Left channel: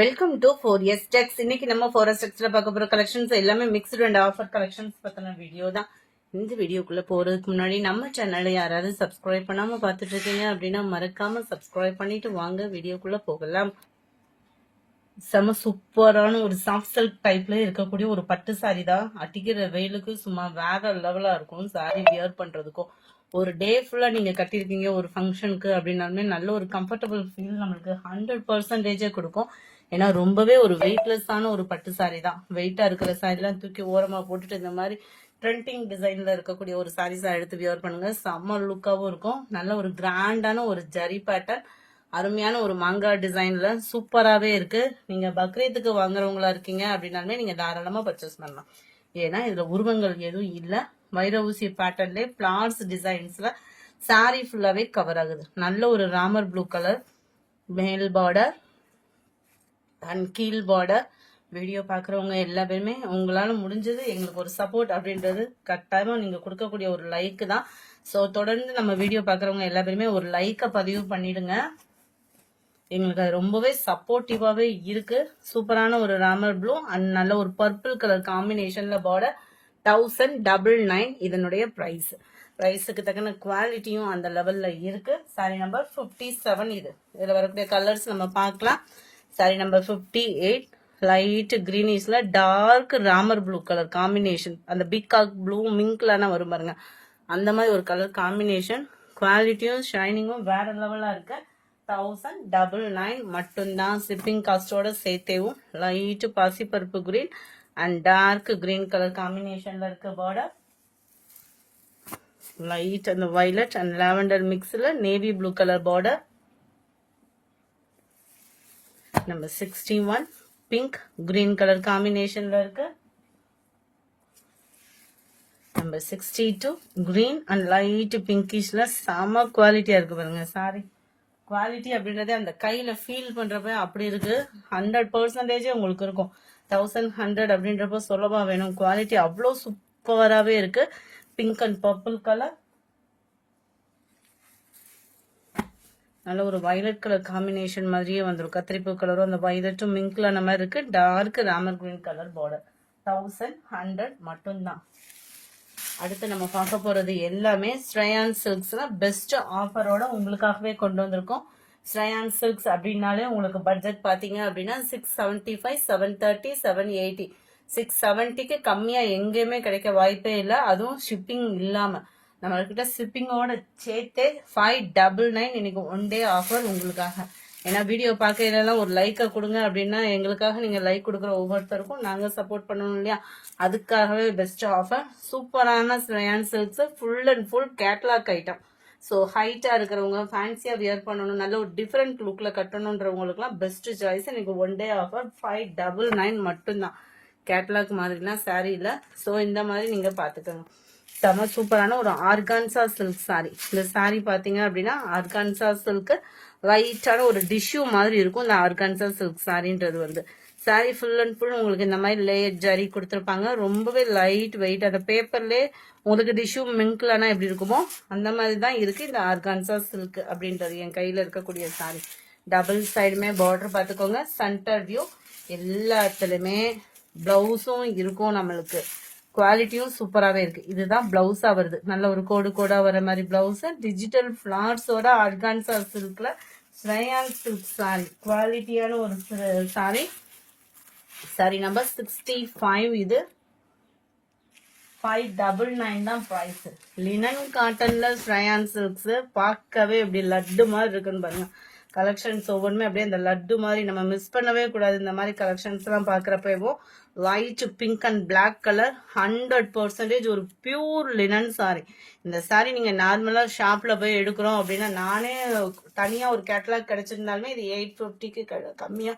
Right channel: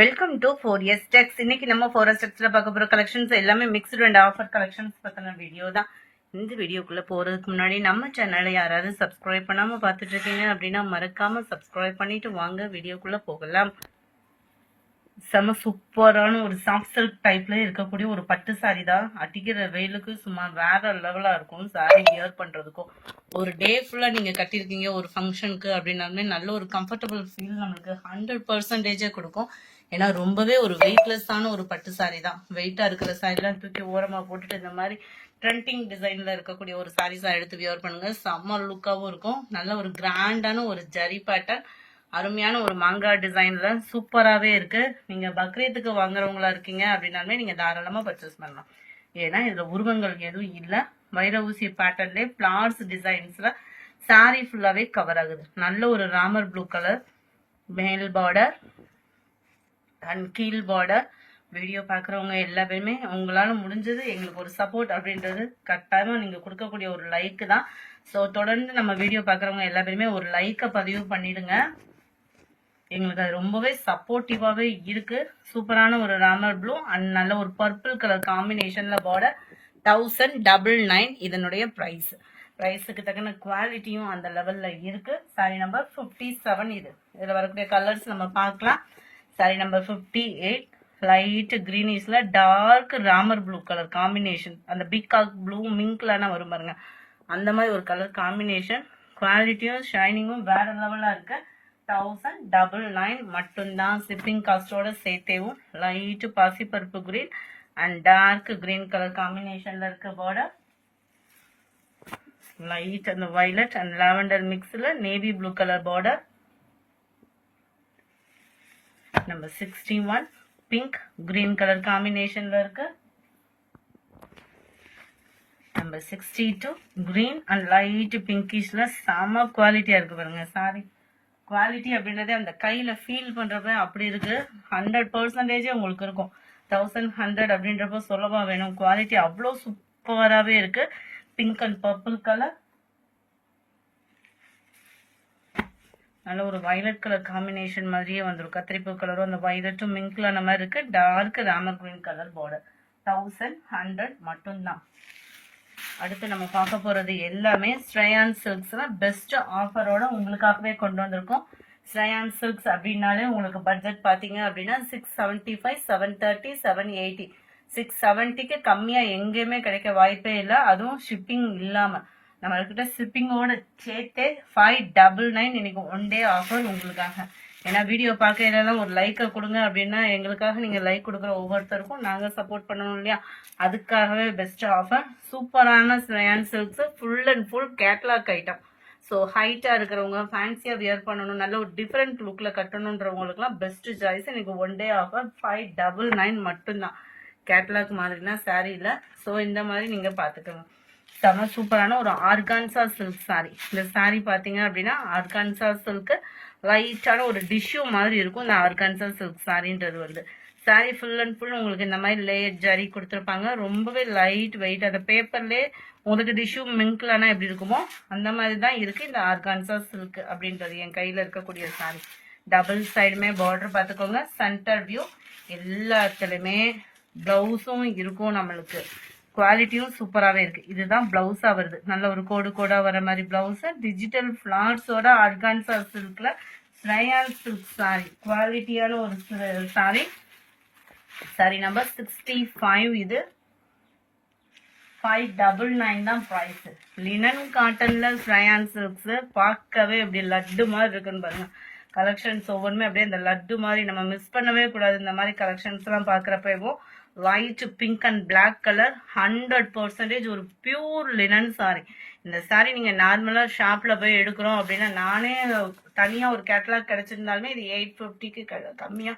Welcome to 4S Techs. இன்னைக்கு நம்ம 4S Techsல பார்க்க போற கலெக்ஷன்ஸ் எல்லாமே மிக்ஸ்டு அண்ட் ஆஃபர் கலெக்ஷன்ஸ் பத்தின வீடியோ தான். இந்த வீடியோக்குள்ள போறதுக்கு முன்னாடி நம்ம சேனலை யாராவது சப்ஸ்கிரைப் பண்ணாம பார்த்துட்டு இருக்கீங்க அப்படின்னா மறக்காம சப்ஸ்கிரைப் பண்ணிட்டு வாங்க வீடியோக்குள்ள போகலாம். செம சூப்பரான ஒரு சாஃப்ட் சில்க் டைப்ல இருக்கக்கூடிய ஒரு பட்டு சாரி தான். அடிக்கிற வெயிலுக்கு சும்மா வேற லெவலா இருக்கும் சாரி வியர் பண்றதுக்கும். ஒரு டே ஃபுல்லா நீங்க கட்டியிருக்கீங்க ஒரு ஃபங்க்ஷனுக்கு அப்படின்னாலுமே நல்ல ஒரு கம்ஃபர்டபுள் ஃபீல் நம்மளுக்கு 100% கொடுக்கும். ஏன்னா ரொம்பவே ஒரு வெயிட்லெஸ்ஸான ஒரு பட்டு சாரி தான். வெயிட்டா இருக்கிற சாரிலாம் தூக்கி ஓரமா போட்டுட்டு இந்த மாதிரி ட்ரெண்டிங் டிசைன்ல இருக்கக்கூடிய ஒரு சாரீஸா எடுத்து வியர் பண்ணுங்க. செம்ம லுக்காவும் இருக்கும். நல்ல ஒரு கிராண்டான ஒரு ஜரி பேட்டர்ன், அருமையான ஒரு மாங்காய் டிசைன்ல சூப்பராகவே இருக்கு. நீங்க பக்ரீத்துக்கு வாங்குறவங்களா இருக்கீங்க அப்படின்னாலுமே நீங்க தாராளமா பர்ச்சேஸ் பண்ணலாம். ஏன்னா இதுல உருவங்கள் எதுவும் இல்லை. வைர ஊசி பேட்டர்ன்ல பிளார்ஸ் டிசைன்ஸ்ல சாரி ஃபுல்லாவே கவர் ஆகுது. நல்ல ஒரு ராமர் ப்ளூ கலர் மேல் பார்டர் அண்ட் கீழ் பார்டர். வீடியோ பார்க்குறவங்க எல்லா பேருமே உங்களால முடிஞ்சது எங்களுக்கு ஒரு சப்போர்ட் அப்படின்றது கட்டாயமா நீங்க கொடுக்கக்கூடிய ஒரு லைக் தான். ஸோ தொடர்ந்து நம்ம வீடியோ பார்க்குறவங்க எல்லா பேருமே ஒரு லைக்கை பதிவு பண்ணிடுங்க. எங்களுக்கு அது ரொம்பவே சப்போர்ட்டிவாவே இருக்கு. சூப்பரான ஒரு ராமர் ப்ளூ அண்ட் நல்ல ஒரு பர்பிள் கலர் காம்பினேஷன்ல பார்டர். 1099 இதனுடைய ப்ரைஸுக்கு தக்கன குவாலிட்டியும் அந்த லெவல்ல இருக்கு. சாரி நம்பர் 57. இதுல வரக்கூடிய கலர்ஸ் நம்ம பார்க்கலாம். சாரி நம்பர் 58 லைட் கிரீனிஷ்ல dark Ramar blue colour combination. அந்த பிகாக் ப்ளூ மிங்க்லான வரும் பாருங்க, அந்த மாதிரி ஒரு கலர் காம்பினேஷன். குவாலிட்டியும் ஷைனிங்கும் வேற லெவலா இருக்கு. 1099 மட்டும்தான். ஷிப்பிங் காஸ்டோட சேர்த்தேவும். லைட் பாசிப்பருப்பு green and dark green colour காம்பினேஷன்ல இருக்க பார்டர். லைட் அந்த வயலட் அண்ட் லாவெண்டர் மிக்ஸ்ல navy blue colour border. Number 61 pink green colour காம்பினேஷன்ல இருக்கு. நம்பர் 62 கிரீன் அண்ட் லைட் பிங்கிஷ்ல செம குவாலிட்டியா இருக்கு பாருங்க. சாரி குவாலிட்டி அப்படின்றதே அந்த கையில ஃபீல் பண்றப்ப அப்படி இருக்கு. 100% உங்களுக்கு இருக்கும். 1100 அப்படின்றப்ப சொல்லவா வேணும். குவாலிட்டி அவ்வளோ சூப்பராகவே இருக்கு. பிங்க் அண்ட் பர்பிள் கலர், நல்ல ஒரு வயலட் கலர் காம்பினேஷன் மாதிரியே வந்துடும். கத்திரிப்பூ கலரும் அந்த வயலட்டும் மிங்க்ல அந்த மாதிரி இருக்கு. டார்க் ராமர் கிரீன் கலர் பார்டர். 1100 மட்டும்தான். அடுத்து நம்ம பார்க்க போறது எல்லாமே ஸ்ரேயான் சில்க்ஸ்ல பெஸ்ட் ஆஃபரோட உங்களுக்காகவே கொண்டு வந்திருக்கோம். ஸ்ரேயான் சில்க்ஸ் அப்படின்னாலே உங்களுக்கு பட்ஜெட் பாத்தீங்க அப்படின்னா 675, 730, 780. 670க்கு கம்மியா எங்கேயுமே கிடைக்க வாய்ப்பே இல்லை. அதுவும் ஷிப்பிங் இல்லாம நம்மகிட்ட ஷிப்பிங்கோட சேர்த்தே 599 இன்னைக்கு ஒன் டே ஆஃபர் உங்களுக்காக. ஏன்னா வீடியோ பார்க்கறதெல்லாம் ஒரு லைக்கை கொடுங்க அப்படின்னா எங்களுக்காக நீங்க லைக் கொடுக்குற ஒவ்வொருத்தருக்கும் நாங்க சப்போர்ட் பண்ணணும் இல்லையா. அதுக்காகவே பெஸ்ட் ஆஃபர். சூப்பரான Shreyan silks full and full catalogue item. So ஹைட்டா இருக்கிறவங்க ஃபேன்சியா வியர் பண்ணணும், நல்ல ஒரு டிஃப்ரெண்ட் லுக்ல கட்டணுன்றவங்களுக்குலாம் பெஸ்ட் சாய்ஸ். இன்னைக்கு ஒன் டே ஆஃபர் 599 மட்டும்தான். கேட்லாக் மாதிரினா சாரி இல்லை. ஸோ இந்த மாதிரி நீங்க பாத்துக்கோங்க. செம சூப்பரான ஒரு ஆர்கான்சா சில்க் சாரி. இந்த சாரி பாத்தீங்க அப்படின்னா ஆர்கான்சா சில்க் லைட்டான ஒரு டிஷ்யூ மாதிரி இருக்கும். இந்த ஆர்கான்சா சில்க் சாரின்றது வந்து சாரி ஃபுல் அண்ட் ஃபுல் உங்களுக்கு இந்த மாதிரி லேயர் ஜரி கொடுத்துருப்பாங்க. ரொம்பவே லைட் வெயிட். அந்த பேப்பர்லேயே உங்களுக்கு டிஷ்யூ மிங்க்லானா எப்படி இருக்குமோ அந்த மாதிரி தான் இருக்கு இந்த ஆர்கான்சா சில்க் அப்படின்றது. என் கையில இருக்கக்கூடிய சாரி டபுள் சைடுமே பார்டர் பார்த்துக்கோங்க. சென்டர் வியூ எல்லாத்துலயுமே பிளவுஸும் இருக்கும். நம்மளுக்கு குவாலிட்டியும் சூப்பராகவே இருக்கு. இதுதான் பிளவுஸா வருது. நல்ல ஒரு கோடு கோடா வர மாதிரி பிளவுஸ். டிஜிட்டல் ஃபிளார்ஸோட ஆர்கான்சா சில்க்ல ஸ்ரேயான் சில்க் சாரி. குவாலிட்டியான ஒரு சாரி. சாரி நம்பர் 65. இது 599 தான் பிரைஸ். லினன் காட்டன்ல ஸ்ரேயான் சில்க்ஸ் பார்க்கவே இப்படி லட்டு மாதிரி இருக்குன்னு பாருங்க. கலெக்ஷன்ஸ் ஒவ்வொன்றுமே அப்படியே அந்த லட்டு மாதிரி நம்ம மிஸ் பண்ணவே கூடாது. இந்த மாதிரி கலெக்ஷன்ஸ் எல்லாம் பாக்குறப்போ light pink and black colour 100% ஒரு பியூர் லினன் சாரி. இந்த சாரி நீங்க நார்மலா ஷாப்ல போய் எடுக்கிறோம் அப்படின்னா நானே தனியா ஒரு கேட்டலாக் கிடைச்சிருந்தாலுமே இது 850க்கு கம்மியா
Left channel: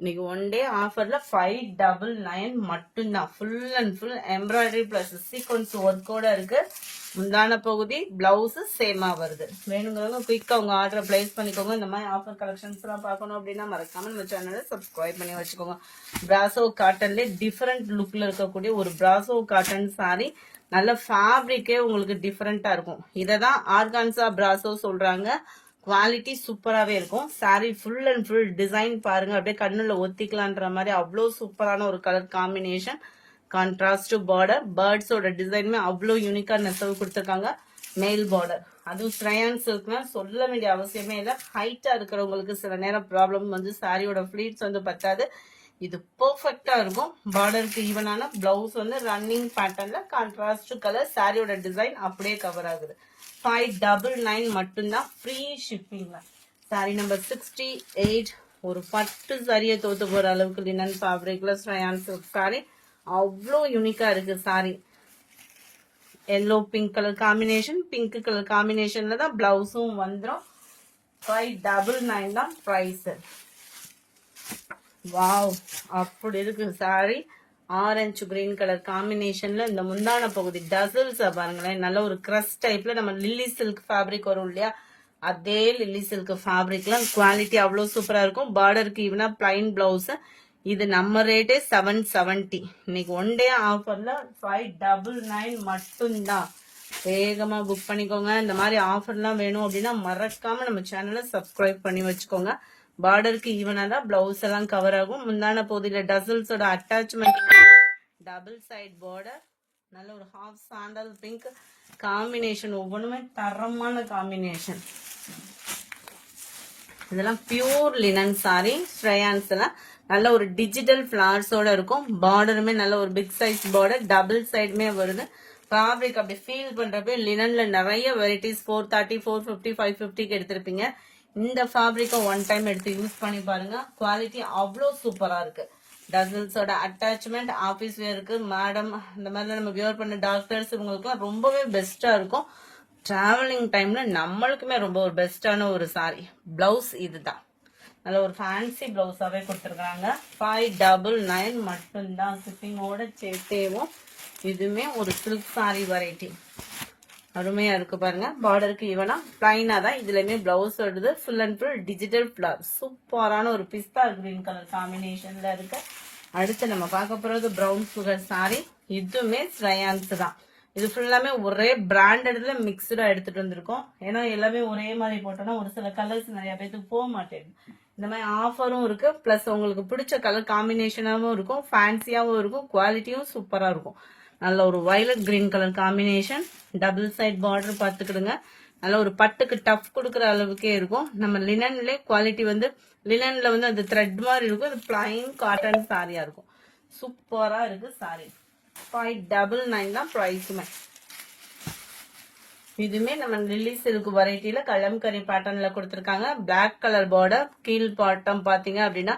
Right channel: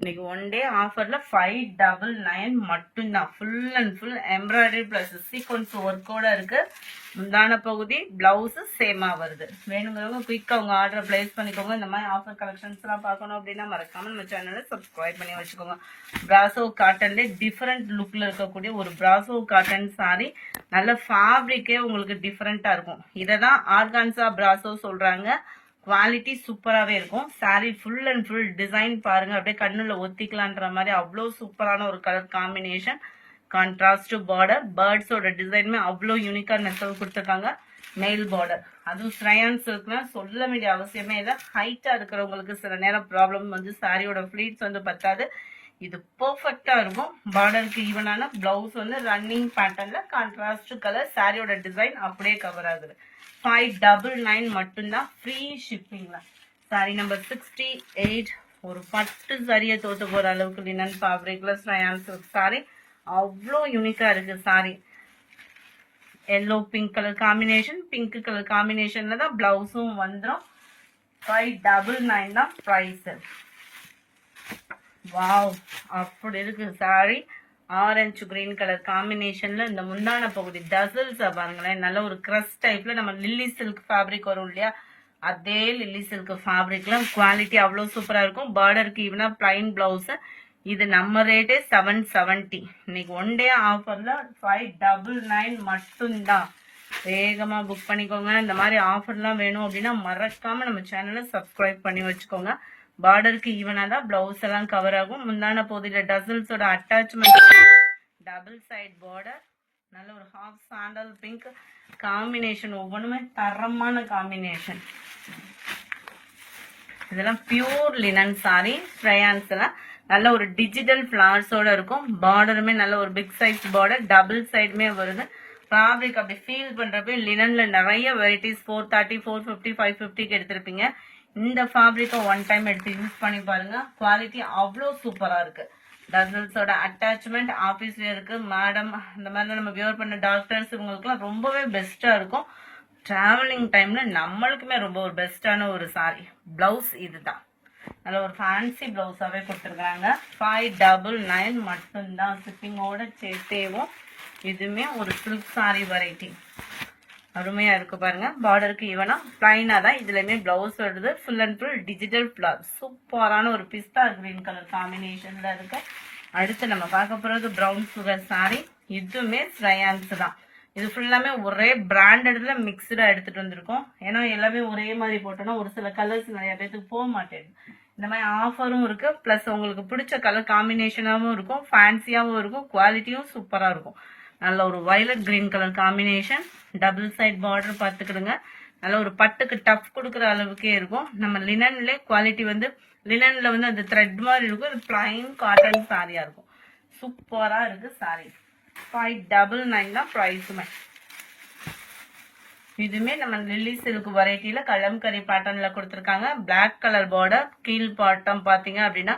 இன்னைக்கு ஒன் டே ஆஃபர்ல 599 மட்டும்தான். Full and full embroidery plus sequins ஒர்க்கோட இருக்கு. முந்தான பகுதி பிளவுஸ் சேமா வருது. வேணுங்கிறவங்க குயிக்கா உங்க ஆர்டரை பிளேஸ் பண்ணிக்கோங்க. இந்த மாதிரி ஆஃபர் கலெக்ஷன்ஸ் எல்லாம் பார்க்கணும் அப்படின்னா மறக்காம நம்ம சேனலை சப்ஸ்கிரைப் பண்ணி வச்சுக்கோங்க. பிராசோ காட்டன்ல டிஃபரெண்ட் லுக்ல இருக்கக்கூடிய ஒரு பிராசோ காட்டன் சாரி. நல்ல ஃபேப்ரிக்கே உங்களுக்கு டிஃபரெண்டா இருக்கும். இதை தான் ஆர்கான்சா பிராசோ சொல்றாங்க. குவாலிட்டி சூப்பராகவே இருக்கும். saree full and full design பாருங்க, அப்படியே கண்ணுல ஒத்திக்கலான்ற மாதிரி அவ்வளோ சூப்பரான ஒரு கலர் காம்பினேஷன். கான்ட்ராஸ்ட் பார்டர், பேர்ட்ஸோட டிசைனுமே அவ்வளோ யூனிக்கா நெசவு கொடுத்துருக்காங்க. மெயில் பார்டர், அதுவும் ஸ்ரயான்ஸ் இருக்குன்னா சொல்ல வேண்டிய அவசியமே இல்லை. ஹைட்டா இருக்கிறவங்களுக்கு சில நேரம் ப்ராப்ளம் வந்து சாரியோட ஃபிளீட்ஸ் வந்து பத்தாது. இது பெர்ஃபெக்டா இருக்கும். பார்டருக்கு ஈவனான பிளவுஸ் வந்து ரன்னிங் பேட்டர்ன்ல கான்ட்ராஸ்ட் கலர், சாரியோட டிசைன் அப்படியே கவர் ஆகுது. 599 மட்டும்தான், ஃப்ரீ ஷிப்பிங்ல. Sorry number 68. ஒரு பட்டு சாரியை தோத்து போற அளவுக்கு லினன் ஃபேப்ரிக்ல ஸ்ரயான் சில்க் சாரி அவ்வளோ யூனிக்கா இருக்கு. Sari yellow pink colour combination, pink colour காம்பினேஷன்ல தான் பிளவுஸும் வந்துடும். 599 தான் பிரைஸ். வாவ், அப்படி இருக்கு சாரி. ஆரஞ்சு கிரீன் கலர் காம்பினேஷன்ல இந்த முந்தான பகுதி டசல்ஸ் பாருங்களேன், நல்ல ஒரு கிரஸ் டைப்ல நம்ம லில்லி சில்க் ஃபேப்ரிக் வரும் இல்லையா, அதே லில்லி சில்க் ஃபேப்ரிக்ல குவாலிட்டி அவ்வளவு சூப்பரா இருக்கும். பார்டருக்கு ஈவனா பிளைன் பிளவுஸ். இது நம்ம ரேட்டே 770. இன்னைக்கு ஒன் டே ஆஃபர்ல 599 மட்டும்தான். வேகமா புக் பண்ணிக்கோங்க. இந்த மாதிரி ஆஃபர்லாம் வேணும் அப்படின்னா மறக்காம நம்ம சேனலை சப்ஸ்கிரைப் பண்ணி வச்சுக்கோங்க. பார்டருக்கு ஈவனா தான் பிளவுஸ் எல்லாம் கவர் ஆகும். முந்தான பகுதியில டசல்ஸோட அட்டாச்மெண்ட், டபுள் சைட் பார்டர், நல்ல ஒரு ஹாஃப் சாண்டல் பிங்க் காம்பினேஷன். ஒவ்வொன்றுமே தரமான காம்பினேஷன். இதெல்லாம் பியூர் லினன் சாரி. ஸ்ரயான்ஸ் எல்லாம் நல்ல ஒரு டிஜிட்டல் ஃபிளவர்ஸோட இருக்கும். பார்டருமே நல்ல ஒரு பிக் சைஸ் பார்டர், டபுள் சைடுமே வருது. ஃபேப்ரிக் அப்படி ஃபீல் பண்றப்ப லினன்ல நிறைய வெரைட்டிஸ் 430, 450, 550க்கு எடுத்திருப்பீங்க. இந்த ஃபேப்ரிக்கை ஒன் டைம் எடுத்து யூஸ் பண்ணி பாருங்க. குவாலிட்டி அவ்வளோ சூப்பரா இருக்கு. டசல்ஸோட அட்டாச்மெண்ட் ஆஃபீஸ் வேருக்கு, மேடம் இந்த மாதிரி நம்ம வியர் பண்ண டாக்டர்ஸ் இவங்களுக்குலாம் ரொம்பவே பெஸ்டா இருக்கும். டிராவலிங் டைம்ல நம்மளுக்குமே ரொம்ப ஒரு பெஸ்டான ஒரு சாரி. பிளவுஸ் இதுதான், நல்ல ஒரு ஃபேன்சி பிளவுஸாவே கொடுத்துருக்காங்க. 599 மட்டும்தான், ஷிப்பிங்கோட சேர்த்தேவும். இதுவுமே ஒரு சில்க் சாரி வெரைட்டி, அருமையா இருக்கு பாருங்க. பார்டருக்கு ஈவனா பிளைனா தான் இதுலயுமே பிளவுஸ் வருது. Full and full digital flower, சூப்பரான ஒரு பிஸ்தா கிரீன் கலர் காம்பினேஷன்ல இருக்கு. அடுத்து நம்ம பார்க்க போறது பிரவுன் சுகர் சாரி. இதுவுமே ஸ்ரயான்ஸ் தான். இது ஃபுல்லாமே ஒரே பிராண்டட்ல மிக்சடா எடுத்துட்டு வந்திருக்கோம். ஏன்னா எல்லாமே ஒரே மாதிரி போட்டோம்னா ஒரு சில கலர்ஸ் நிறைய பேருக்கு போக மாட்டேங்குது. இந்த மாதிரி ஆஃபரும் இருக்கு, பிளஸ் உங்களுக்கு பிடிச்ச கலர் காம்பினேஷனாகவும் இருக்கும், ஃபேன்சியாகவும் இருக்கும், குவாலிட்டியும் சூப்பரா இருக்கும். நல்ல ஒரு violet green colour combination, double side border பார்த்துக்கிடுங்க. நல்ல ஒரு பட்டுக்கு டஃப் கொடுக்குற அளவுக்கே இருக்கும். நம்ம லினன்ல குவாலிட்டி வந்து லினன்ல வந்து அந்த த்ரெட் மாதிரி இருக்கும். இது பிளைன் காட்டன் சாரியா இருக்கும். சூப்பரா இருக்கு சாரி. 599 தான் பிரைஸுமே. இதுமே நம்ம லில்லி சில்க் வெரைட்டில கலம்கரி பேட்டர்ன்ல கொடுத்துருக்காங்க. பிளாக் கலர் பார்டர், கீழ் பாட்டம் பாத்தீங்க அப்படின்னா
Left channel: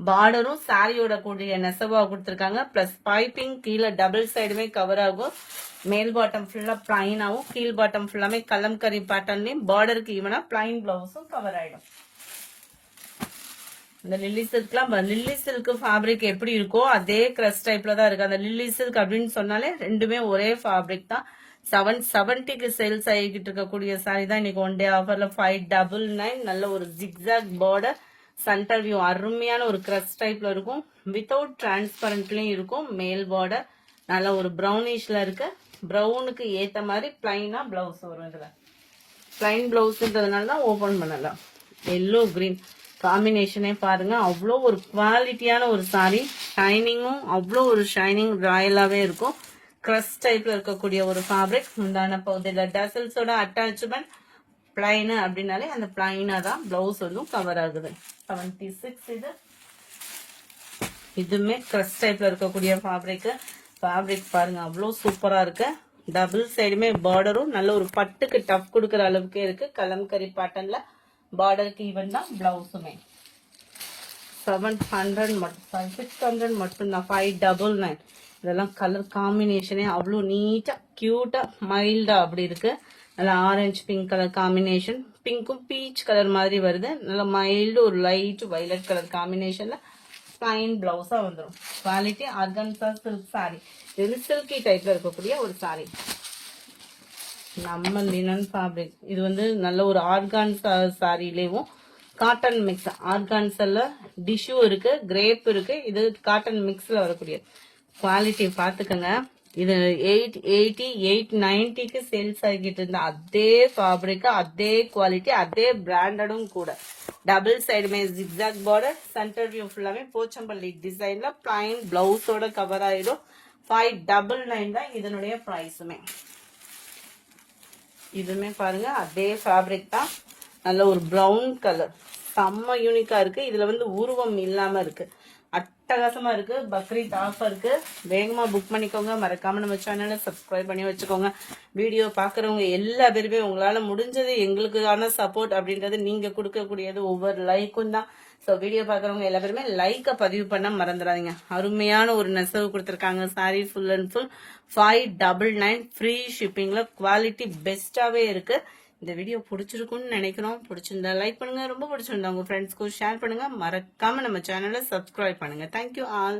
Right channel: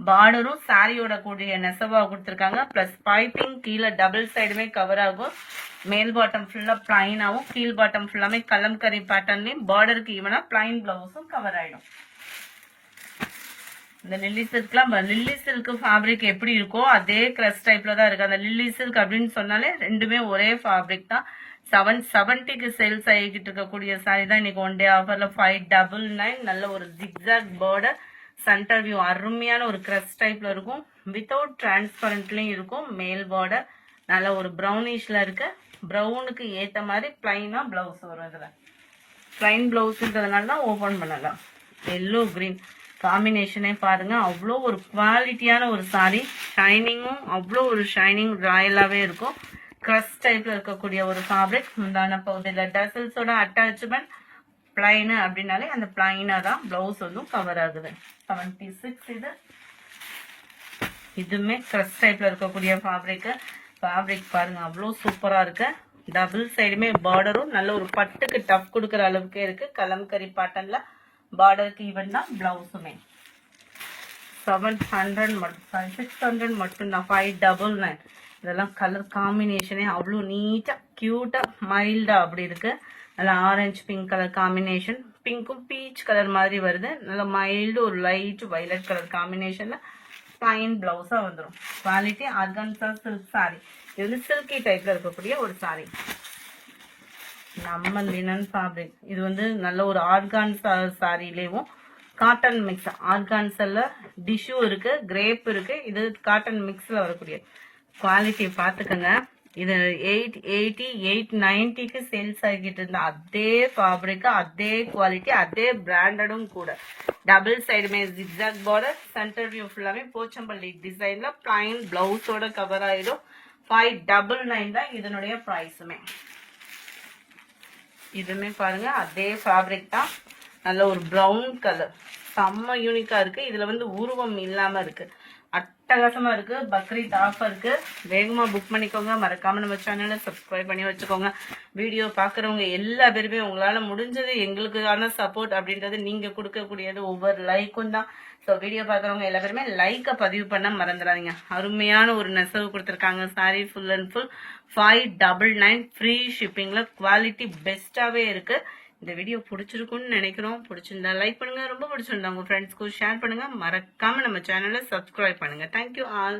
பார்டரும் சாரியோட கூடிய நெசவா கொடுத்துருக்காங்க. பிளஸ் பைப்பிங் கீழே டபுள் சைடுமே கவர் ஆகும். மேல் பாட்டம் ஃபுல்லா பிளைனாவும், கீழ் பாட்டம் ஃபுல்லாமே கலம்கரி பேட்டர்ன்லயும் பார்டருக்கு ஈவனா பிளைன் பிளவுஸும் கவர் ஆயிடும். இந்த லில்லி சில்க்லாம் லில்லி சில்க் ஃபேப்ரிக் எப்படி இருக்கோ அதே கிரஸ் டைப்ல தான் இருக்கு. அந்த லில்லி சில்க் அப்படின்னு சொன்னாலே ரெண்டுமே ஒரே ஃபேப்ரிக் தான். 770க்கு சேல்ஸ் ஆகிட்டு இருக்கக்கூடிய சாரி தான் இன்னைக்கு ஒன் டே ஆஃபர்ல 599. நல்ல ஒரு ஜிக்ஸாக் பார்டர், சென்டர் வியூ அருமையான ஒரு கிரஸ் டைப்ல இருக்கும். வித்தவுட் டிரான்ஸ்பரண்ட்லயும் இருக்கும். மேல் பார்டர் நல்ல ஒரு ப்ரௌனிஷ்ல இருக்கு. ப்ரௌனுக்கு ஏத்த மாதிரி பிளைனா பிளவுஸ் வரும். இதுல பிளைன் பிளவுஸ்ன்றதுனால தான் ஓபன் பண்ணலாம். எல்லோ கிரீன் காம்பினேஷனே பாருங்க, அவ்வளோ ஒரு குவாலிட்டியான ஒரு சாரி. ஷைனிங்கும் அவ்வளோ ஒரு ஷைனிங் ராயலாவே இருக்கும். கிரஸ் டைப்ல இருக்கக்கூடிய ஒரு ஃபேப்ரிக். முந்தான பகுதியில டசல்ஸோட அட்டாச்மெண்ட் பிளைனு அப்படின்னாலே அந்த பிளைனா தான் பிளவுஸ் வந்து கவர் ஆகுது. 76 இது. இதுவுமே கிரஸ் டைப்ல இருக்கக்கூடிய ஃபேப்ரிக். ஃபேப்ரிக் பாருங்க அவ்வளோ சூப்பரா இருக்கு. டபுள் சைடுமே பார்டரும் நல்ல ஒரு பட்டுக்கு டஃப் கொடுக்குற அளவுக்கு இருக்கு. கலம்கரி பேட்டர்ன்ல பார்டருக்கு ஈவன் தான் பிளவுஸுமே. 700 மட்டும் 600 மட்டும்தான். 599. இதெல்லாம் கலர் காம்பினேஷனே அவ்வளோ நீட்டா கியூட்டா மைல்டா அப்படி இருக்கு. நல்லா ஆரஞ்சு பிங்க் கலர் காம்பினேஷன், பிங்க்கும் பீச் கலர் மாதிரி வருது. நல்லா மைல்டு ஒரு லைட் வயலட் கலர் காம்பினேஷன்ல பிளைன் பிளவுஸா வந்துடும். Quality organza silk sari. இது வந்து சில்கி டைப்ல இருக்கக்கூடிய ஒரு சாரி. நம்ம லினன் ஃபேப்ரிக். இது வந்து நல்ல ஒரு ஆர்கான்சா சாரிலேயும் காட்டன் மிக்ஸ். ஆர்கான்சல்ல டிஷ்யூ இருக்கு, கிரேப் இருக்கு. இது காட்டன் மிக்ஸ்ல வரக்கூடிய குவாலிட்டி பார்த்துக்கோங்க. இது 880 890க்கு சேல்ஸ் ஆகிட்டு இருந்த அதே ஃபேப்ரிக், அதே குவாலிட்டி, அதே பிராண்டடும் கூட. டபுள் சைடுமே ஜிக்ஸாக் பார்டர், சென்டர் வியூ ஃபுல்லாமே போச்சம்பள்ளி டிசைன்ல பிளைன் பிளவுஸோட கவர் ஆயிடும். 599 தான் இதனுடைய பிரைஸுமே. இதுமே பாருங்க அதே ஃபேப்ரிக் தான், நல்ல ஒரு ப்ரௌன் கலர், செம்ம யூனிக்கா இருக்கு. இதுல வந்து உருவம் இல்லாம இருக்கு, அட்டகாசமா இருக்கு. பக்ரீத் ஆஃபருக்கு வேகமா புக் பண்ணிக்கோங்க. மறக்காம நம்ம சேனலை சப்ஸ்கிரைப் பண்ணி வச்சுக்கோங்க. வீடியோ பாக்குறவங்க எல்லா பேருமே உங்களால முடிஞ்சது எங்களுக்கான சப்போர்ட் அப்படின்றது நீங்க கொடுக்கக்கூடியது ஒவ்வொரு லைக்கும் தான். ஸோ வீடியோ பாக்குறவங்க எல்லா பேருமே லைக்கை பதிவு பண்ண மறந்துடாதீங்க. அருமையான ஒரு நெசவு கொடுத்துருக்காங்க. Sari full and full 599 free ஷிப்பிங்ல குவாலிட்டி பெஸ்டாவே இருக்கு. இந்த வீடியோ பிடிச்சிருக்கும்னு நினைக்கிறோம். பிடிச்சிருந்தா லைக் பண்ணுங்க, ரொம்ப பிடிச்சிருந்தா உங்க ஃப்ரெண்ட்ஸ்க்கும் ஷேர் பண்ணுங்க. மறக்காம நம்ம சேனலை சப்ஸ்கிரைப் பண்ணுங்க. Thank you all.